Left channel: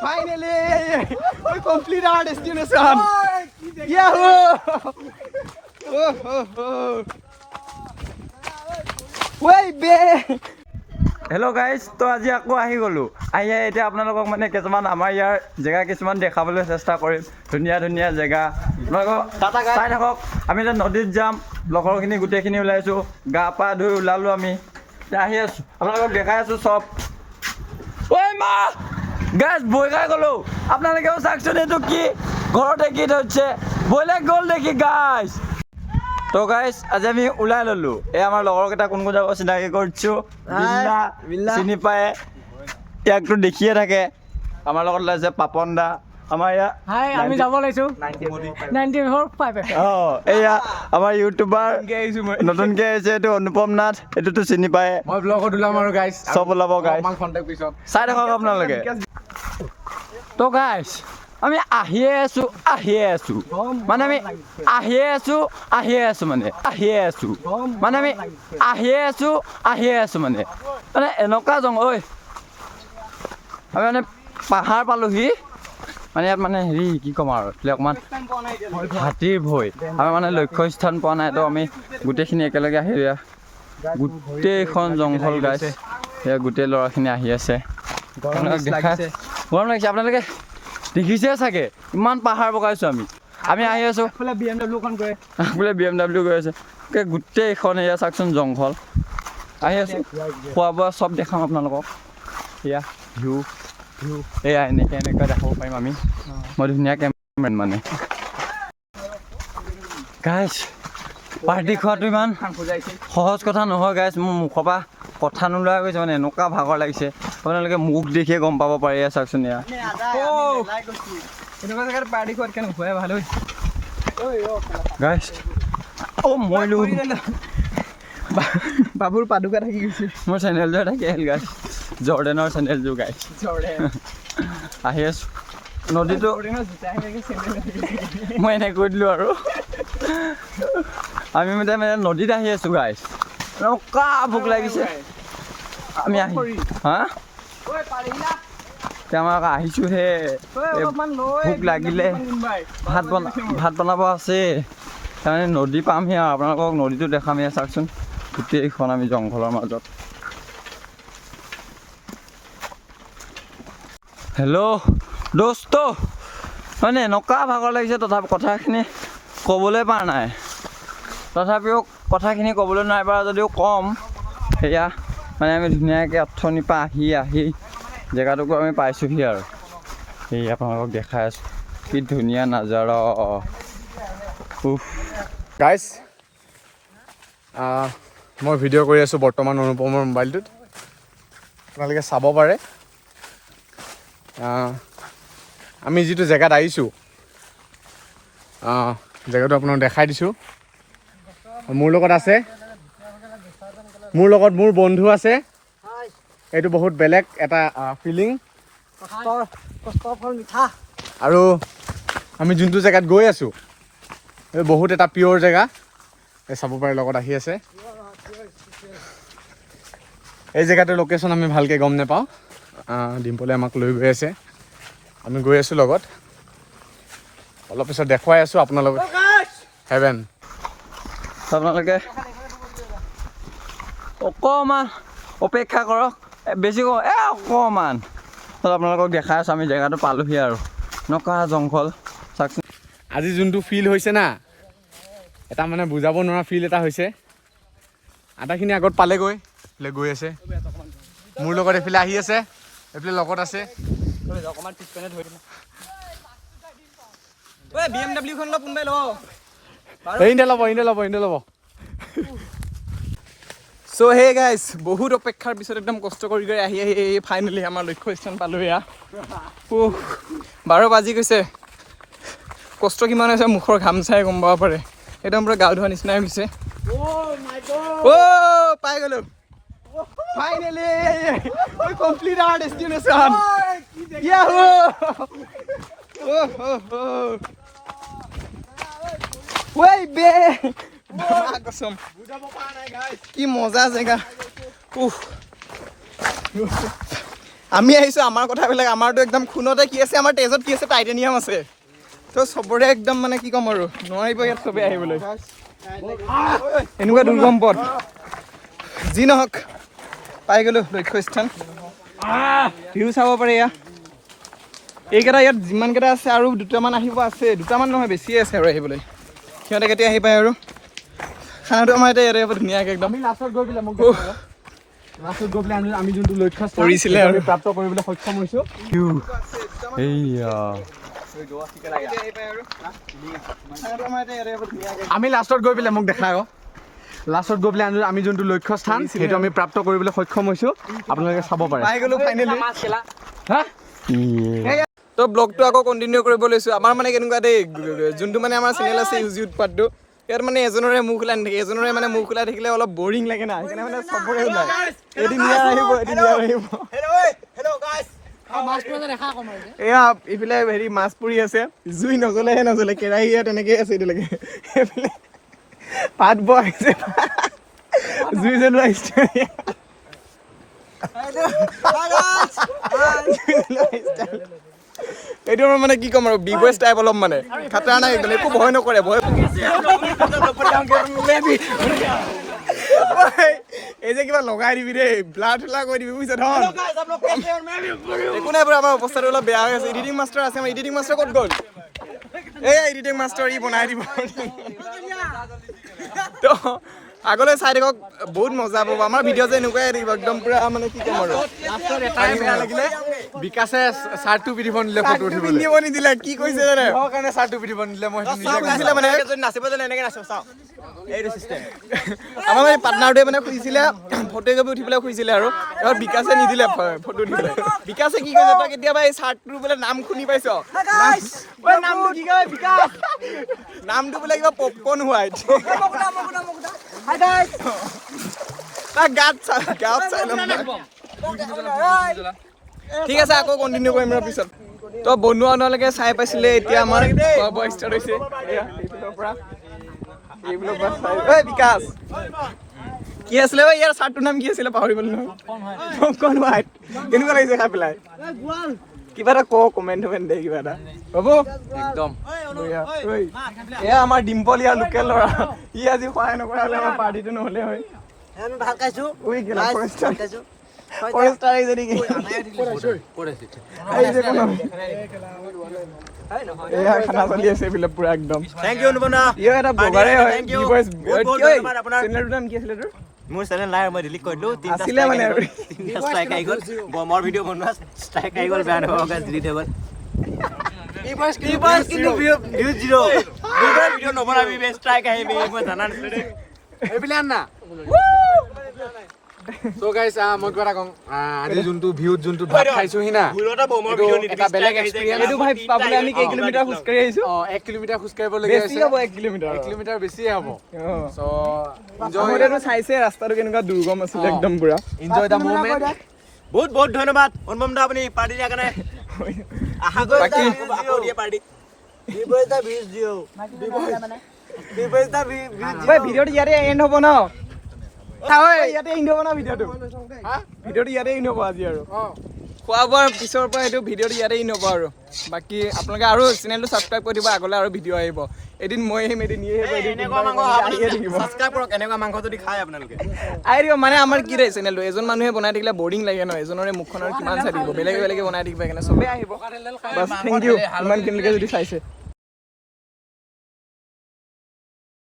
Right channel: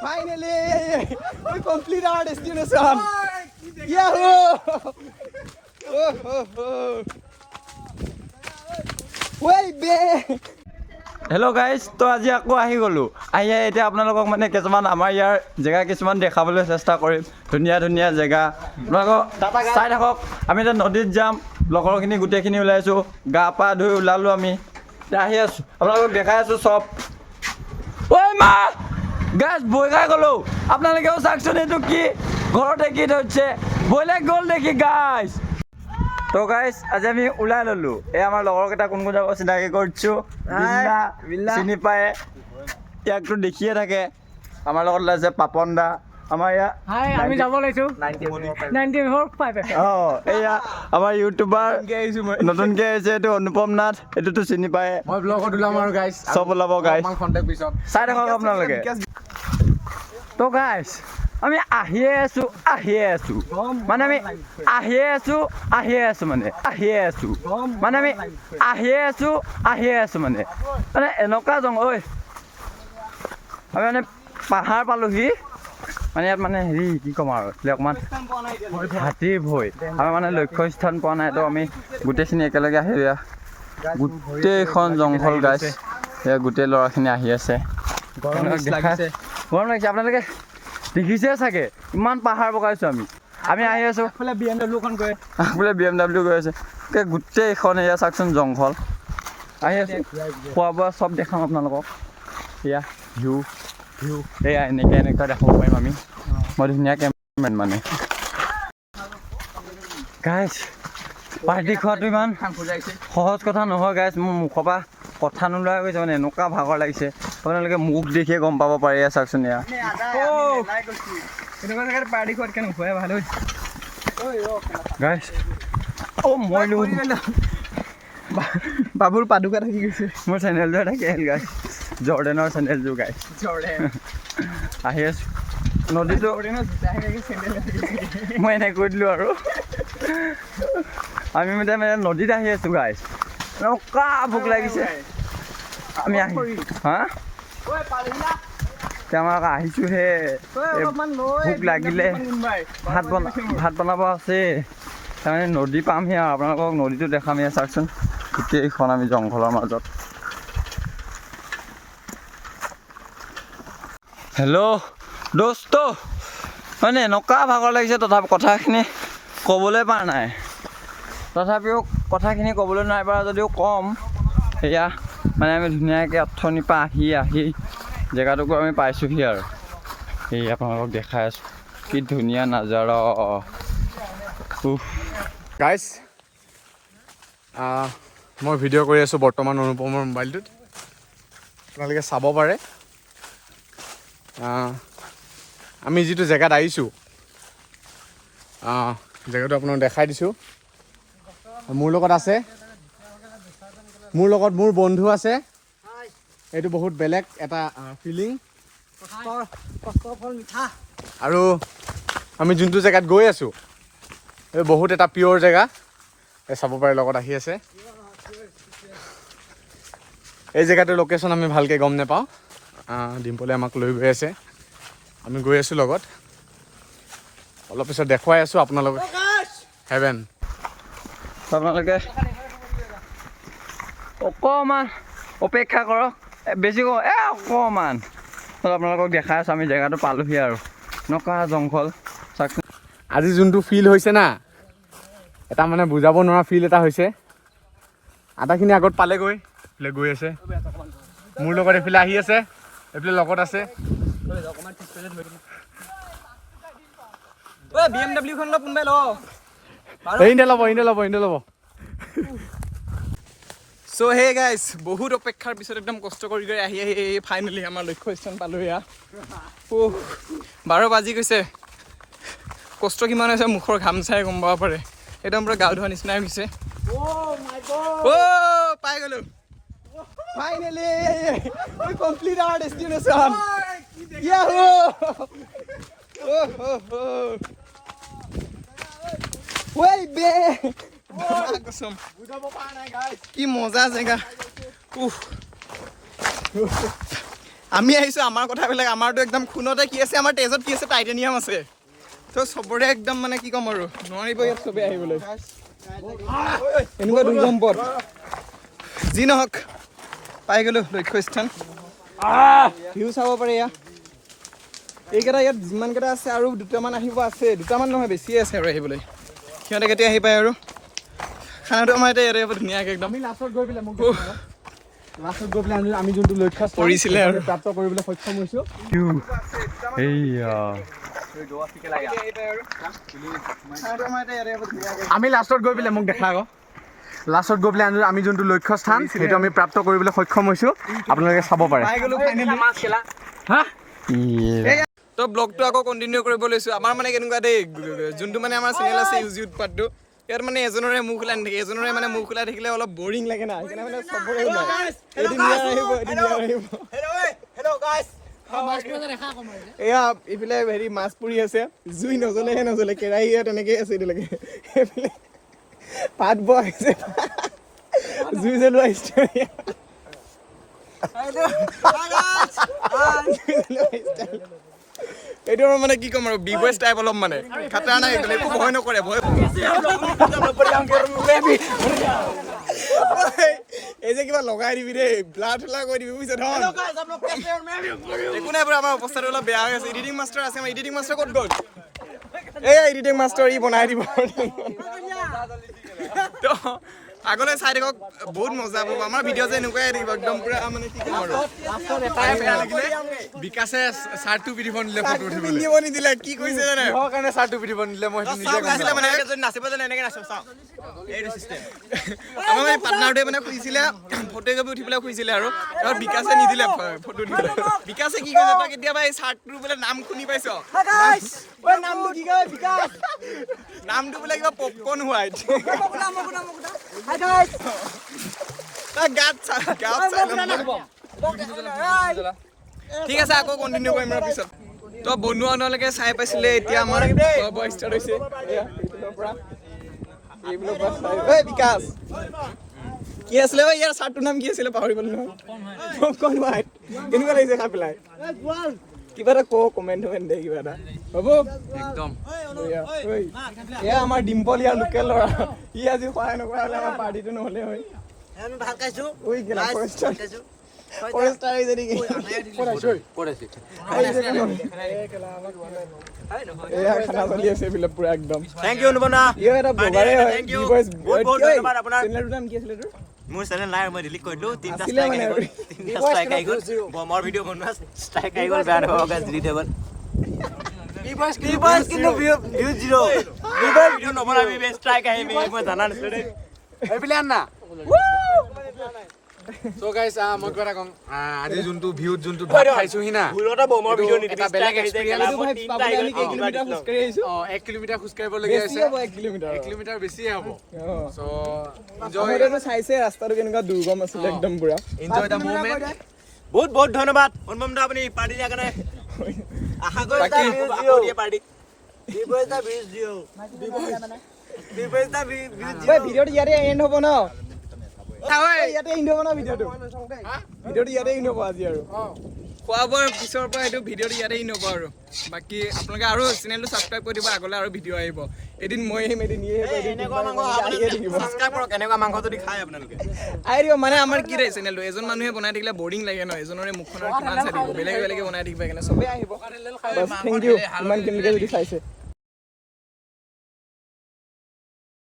Finally, we complete our destination. Yahoo! Way back. Hello' guys, তো আজি আকৌ আহি গ'লোঁ। আহি এতিয়া আপোনালোকক মানে কিছুমান আমাৰ ইয়াৰ জেগা কিছুমান দেখাবলৈ চেষ্টা কৰিম। ধুনীয়া ধুনীয়া জেগা আপোনালোকক চাই থাকক। আমি এতিয়া নদীত যাম, লগৰখিনি গোটেইখিনি ওলাইছোঁ, গা পা ধুই ওলালোঁ আমি। এতিয়া আহি আছোঁ, আপোনালোকক দেখাই আছোঁ চব। ঐ মা গাইজ, বৈ খাই গ'লোঁ। আপোনালোকেও চাওকচোন এইটো কি ঘৰতে কি থৈছে, বৈলেক গ'ল দেখি গাইজ। তো গাইজ আজি আমি ওলাই ল'লোঁ। এই আমাৰ লগৰকেইটা কোন কোন যাব চিনাকি কৰিছোঁ। চিনি পায়, ইয়াকতো দেখিয়ে থাকে। আমাৰ লগত ওলাইছে পাপন দা। আমাৰ ইয়াত আমি যাব লাগিছোঁ 94.5 অঁ, এয়া আমাৰ ইউটিউবাৰ নতুনকৈ আহিছে, এইটো অনুপম নাথ। এইটোতো চিনি পায়, মই ব্লগত ওলাম আৰু গাইজ, চব ওলাব গাইজ, পিছত চাই থাকক আপোনালোকে। তো গাইজ আমি আহিয়ে আছোঁ মানে আমি আহিয়ে আছোঁ মানে আমি আহিয়ে আছোঁ মানে এনেকুৱা জংঘল। ঐ আমি মানে পাহাৰ পালোহি মানে ইয়াত মানে হেৰি কি ক'ম আৰু এতিয়া অকণমান হাতীৰ ভয়। আমাৰ মানে লক্ষ্যস্থান পোৱা নাই, তো আমি গোটেইখিনি একেলগে আহি গোটেইখন জংঘল গাইজ। সেয়া গোটেই ল'ৰাখিনি আহি আছে, গৰম লাগিছে। আপোনালোকে দেখিছে চাগে ইমান পাহাৰ বগাইছোঁ আমি আহি আছোঁ। BMW গৈ আছে, গোটেইখন এয়া চাওকচোন জংঘল। আহি আছোঁ, খোৱা বোৱা চব দেখাম আপোনালোকক। এয়া ভিউ এয়া এনেকৈ দেখাব পাৰিম আমি। মই ধুনীয়া কেমেৰামেন মানে। গাইজ পাৰ্টি খোৱাটো ইমান সহজ কথা নহয় গাইজ। মোৰ মুখৰ পৰা কথা নোলোৱা গৈছে মানে, এনেকুৱা ভাগৰ লাগিছে। আপোনালোকে মুখ দেখিয়ে গম পাব পাৰি। চাওকচোন এয়া এনেকুৱা জেগাত পাৰ্টি খোৱাত কেনে খুৱাই ভাল হৈছে গাইজ। অ' মই বাবুৰ পাদুকা থাকি গৈছে। মোৰ চেনেলযোৰ থাকে গাইজ, জৰ্ডেনৰ চেনেলযোৰ গাইজ। আহি আছোঁ নদীটো, মই এনেকৈ কৈ দিলোঁ আৰু। আমি মানে নদীত আহি আছোঁ গাইজ, এনেকুৱা ভোক লাগিছে। আমি হা আমাক আহিছোঁহে, ভোক লাগিলে ভাত বনাব আছে। তাৰমানে নদী পামহি আৰু আপোনালোকক নদীটো দেখাম। এয়া চাওকচোন গোটেইখন আমি জংঘলৰ মাজত। হেল্ল' দোস্ত, মানে এনেকুৱা ভাগৰ লাগিছে, তথাপি কথাখিনি ক'বলৈ পৰা নাই। তথাপিও কথাখিনি ক'বলৈ নাই পৰা যদিও ক'ম। সেয়া মানে আমি ধুনীয়াকৈ অথনিৰ পৰা আহি জেগাটুকু আমি পাইছোঁহি আৰু এই আপোনালোকক দেখাই আছোঁ কি ধুনীয়া নাজাৰা। গাইজ মই ভিডিঅ' কৰি আছোঁ বৰ্তমান অনুপমৰ মোবাইলটোত, আপোনালোকে চাব পাৰে। আমি যিটো জেগাত আহিছোঁ জেগাটো আপোনাক দেখাই দিছোঁ। মোৰ লগত মোৰ বন্ধু আছে। এইটো বহুত বেলেগ এটা ফিলিং। আৰু আমি যোনটো জেগাত গৈ আছোঁ এই বহুত এটা পিয়'ৰ জেগা, চাব পাৰে লগত আহি আছে। এই জেগাটোৰ লোকেশ্যন আমি ভালকৈ গম নাপাওঁ, ডিম্পলে আমাক লৈ গৈ আছে, আমি গৈ আছোঁ লগত। অলপ পিছত দেখুৱাই আছোঁ আপোনালোকক হেভেন। আপোনালোকে অকণমান অপেক্ষা কৰক, বেছি অকণমান আপোনালোকক দেখাই আছোঁ। আমি জেগাটো পালোহি আৰু এনেকুৱা জংঘল চাওকচোন। আজি যোনটো ফিল হৈছে না, এটা মানে বুজাব নোৱাৰা ফিল এটা হৈছে। আধাখিনি আগত পালেগৈ, এইফালে গৈ আছে মোৰ লগত, এইফালে আহি আছে, এইফালে লগত আছে। BMW খন লওক, কোনোবাই লওক। ইহঁতে ল'ব। চ' হে গাইজ, বহুত অপেক্ষাৰ পিছত একদম কষ্ট কৰি আহি ফাইনেলি আমাৰ লক্ষ্যস্থান পালোঁ। এয়া 12 বাজি গৈছে। কষ্ট কিমান হৈছে মুখৰ ঘাম চাই গম পাব পাৰে। একদম পুৰা গা ধোৱা নিচিনাই হৈছে। পাই গ'লোঁ finally, we complete our destination. Yahoo! Way back. কি মজা জেগা। আমি আহিছোঁ আমাৰ কথাবিলাক আমাৰতো একদম খুনতে কি আছে আমাৰ তেজত কি আছে টাইটেনিয়াম আছে তো চবৰে একদম মানে কি ক'ম আৰু নোৱাৰিব ইয়াত চবেই আহিবলৈ এনেকুৱা দুৰ্গম পথ যি নহওক পাই গ'লোঁ লক্ষ্যস্থান ভিউ চাব পাৰে এয়া এইকেইটা ইয়াত যিমানকেইটা আছে আৰু দুটামান আহিব আছে দুটামান নহয় বেছিয়ে আছে আৰু আহিবলৈ সিহঁতে কেতিয়া আহি পায় আৰু খানাটো আমাৰ এতিয়া ইয়াতে ধুনীয়াকৈ একদম আমি যোনটো লক্ষ্য পৰিছিলে আৰু প্ৰাপ্ত কৰিবলৈ সক্ষম হৈছোঁ আমি লাষ্টত গৈ পেলাই মোক দেখা আকৌ লাষ্টত গৈ পেলাই আমি যোনটো লক্ষ্য স্থান সেইটো আমি প্ৰাপ্ত কৰিবলৈ সক্ষম হৈছোঁ আপোনালোকে চাব পাৰে তো ব্লগটো আকৌ কণ্টিনিউ কৰিব লৈছোঁ আমাৰ মানে কেনেকুৱা দেই যোনটো মানে আমাৰ চেনেল আছে ইউজি উৎপাতটো ইয়াত মানে এজনৰে মুখ ওলাই নাথাকে এজনৰে মানে মুখ ওলাই থাকিলে অলপ বৰিং লাগে না সেইকাৰণে মানে চবৰে ওলাই এদিন ইয়াৰ আহিব এদিন ইয়াৰ আহিব এয়া এইফালে হেৰি মাছ পৰি আছে জুই নজ্বলেহে নজ্বলে কেৰাহী তেনেকৈ আছে এতিয়ালৈকে সেইফালে ভাত বহাইছে জুই জ্বলোৱা ষ্টাইল এইটো মানে কি ক'ম আৰু বি বয়জ টাইপ অলপ মানে খাটাৰ নাই একদম একো ভয় নকৰে ভয় এই যে কিবা লগাই দিবি দেই ব্লাৰ ঠোলা কৰি দিবি বুজিছ একো নাই বাৰু আমাৰ অৱস্থাটো অলপ বেয়া হৈ আছে এডিটিং মাষ্টাৰ আছে আমাৰ এডিটিং মাষ্টাৰ ক'ত গ'ল এই এডিটিং মাষ্টাৰ ই বনাই দিব তো আগলৈ চাই থাকক বহুত মজা পাব আমাৰ ভিডিঅ' যে এনেকুৱাই দিব একদম পুৰা মানে কি ক'ম আৰু বেয়া লাগিলে বিকাশে চাৰ্টটো পিন্ধিব নিদিলে ফটো উঠিবলৈ পিন্ধিব নিদিলে কি কৈছে জানে কাৰণে চাৰ্টটো পিন্ধিব নিদিলে মই খুজিছিলে মানে নাচিব জানে এনেকৈ নাচো চাওঁ আমাৰ মানে পাৰ্টনাৰটোৱে মানে খুজিছিলে ফটো একপি উঠিবলৈ খুজিছিলে আৰু তাৰপৰা বিকাশে নিদিলে ফটো উঠিবলৈ বিকাশে কি কৈছে তই কেতিয়াবা এই চাৰ্টটোৰ বোলে নাম শুনি পাইছ নামটো বোলে কিবা পপকৰ্ণ হোৱাইট ঠিক আছে আকৌ কণ্টিনিউ কৰিম আৰু পিছত তো বনোৱা নহ'লেকে চাই পাইছিলে এতিয়া আমাৰ খোৱা বোৱা ষ্টাৰ্ট হৈছে বিকাশ কি আছিলে ইয়াৰ চাৰ্টটোৰ নাম কি আছিলে পাহৰি গ'লো পপকৰ্ণ হোৱাইট কেনেকুৱা লাগিছে খাই পেলাই কিবা এটা কমেণ্ট দে কিবা এটা হ'ব একদম এয়া আমাৰ ডিম্পল ইয়াৰ লোকেল ল'ৰা ই আজি সহায় নকৰা হ'লে আমাৰ পাৰ্টিটো নহ'লে হয় এয়া খানা চলি আছে এইফালে পুৰা একদম মোৰ চেনেল নাই মই ডিলিট কৰিলো তিনটা ষ্ট্ৰাইক আহি গ'ল বমৰ ভিডিঅ' বনোৱা ষ্ট্ৰাইক আহি গ'ল বেয়া নহ'ব গাইছ ডিলিট হৈ গ'ল কিন্তু ভিউ জিৰ' ভিডিঅ' নবনাবি বে ষ্ট্ৰাইক আহিবি মই জানা নাছিলো দেই এইফালে আন না তো গাইছ মই কিবা এটা কওঁ আজি যোনটো ভিউত যোনটো ভাত খাইছোঁ সি না এইটো এটা বেলেগ এক্সপিৰিয়েঞ্চ এইটো ভাই পাবলৈ আমি কেই কিলোমিটাৰ খোজকাঢ়ি আহিছোঁ 1 কিলোমিটাৰ খোজ কাঢ়িবলগীয়া আছে 1 কিলোমিটাৰ 1 কিলোমিটাৰ বেছিয়ে হ'ব চ' এনজয় চাইছে ৰাস্তাটো কেনেকুৱা দুৰ্গম আছিলে একদম পুৰা এনজয় দ্য মুভমেণ্ট বহুত বহুত ধন্যবাদ অনুপম দা আপুনি পাৰ্টি দিয়াৰ কাৰণে আশা কৰিছোঁ আকৌ দিয়ে পাৰ্টি ভিডিঅ'টো ইয়াতে এণ্ড হ'ব ন ইয়াতে এণ্ড হ'ব ন ভিডিঅ'টো ইয়াতে এণ্ড হ'ব আজি আৰু খোৱা বোৱাৰ পিছৰ পৰা এইটো ভিডিঅ'টো ইয়াতে এণ্ড হ'ব আৰু বাকী আপোনালোকে আৰু চেনেলটো ছাবস্ক্ৰাইব কৰি দিব আগলৈ আৰু ভিডিঅ' আহিব এদিন মই আহিম এদিন ইয়ে আহিব ছাবস্ক্ৰাইব কৰক এনেকুৱা মাংস যদি খায় আপোনালোকে আহি দিব মানে আমাৰ কি দেই চেনেলটো এজন মানুহে বনাই থাকিলে বৰিং লাগে ন এজনৰে মুখখন আৰু কিমান চাই থাকিব বেলেগে বেলেগে বনাই থাকিব সেইকাৰণে চবেই আহিব থেংক ইউ ইমানখিনিলৈকে যদি চাইছে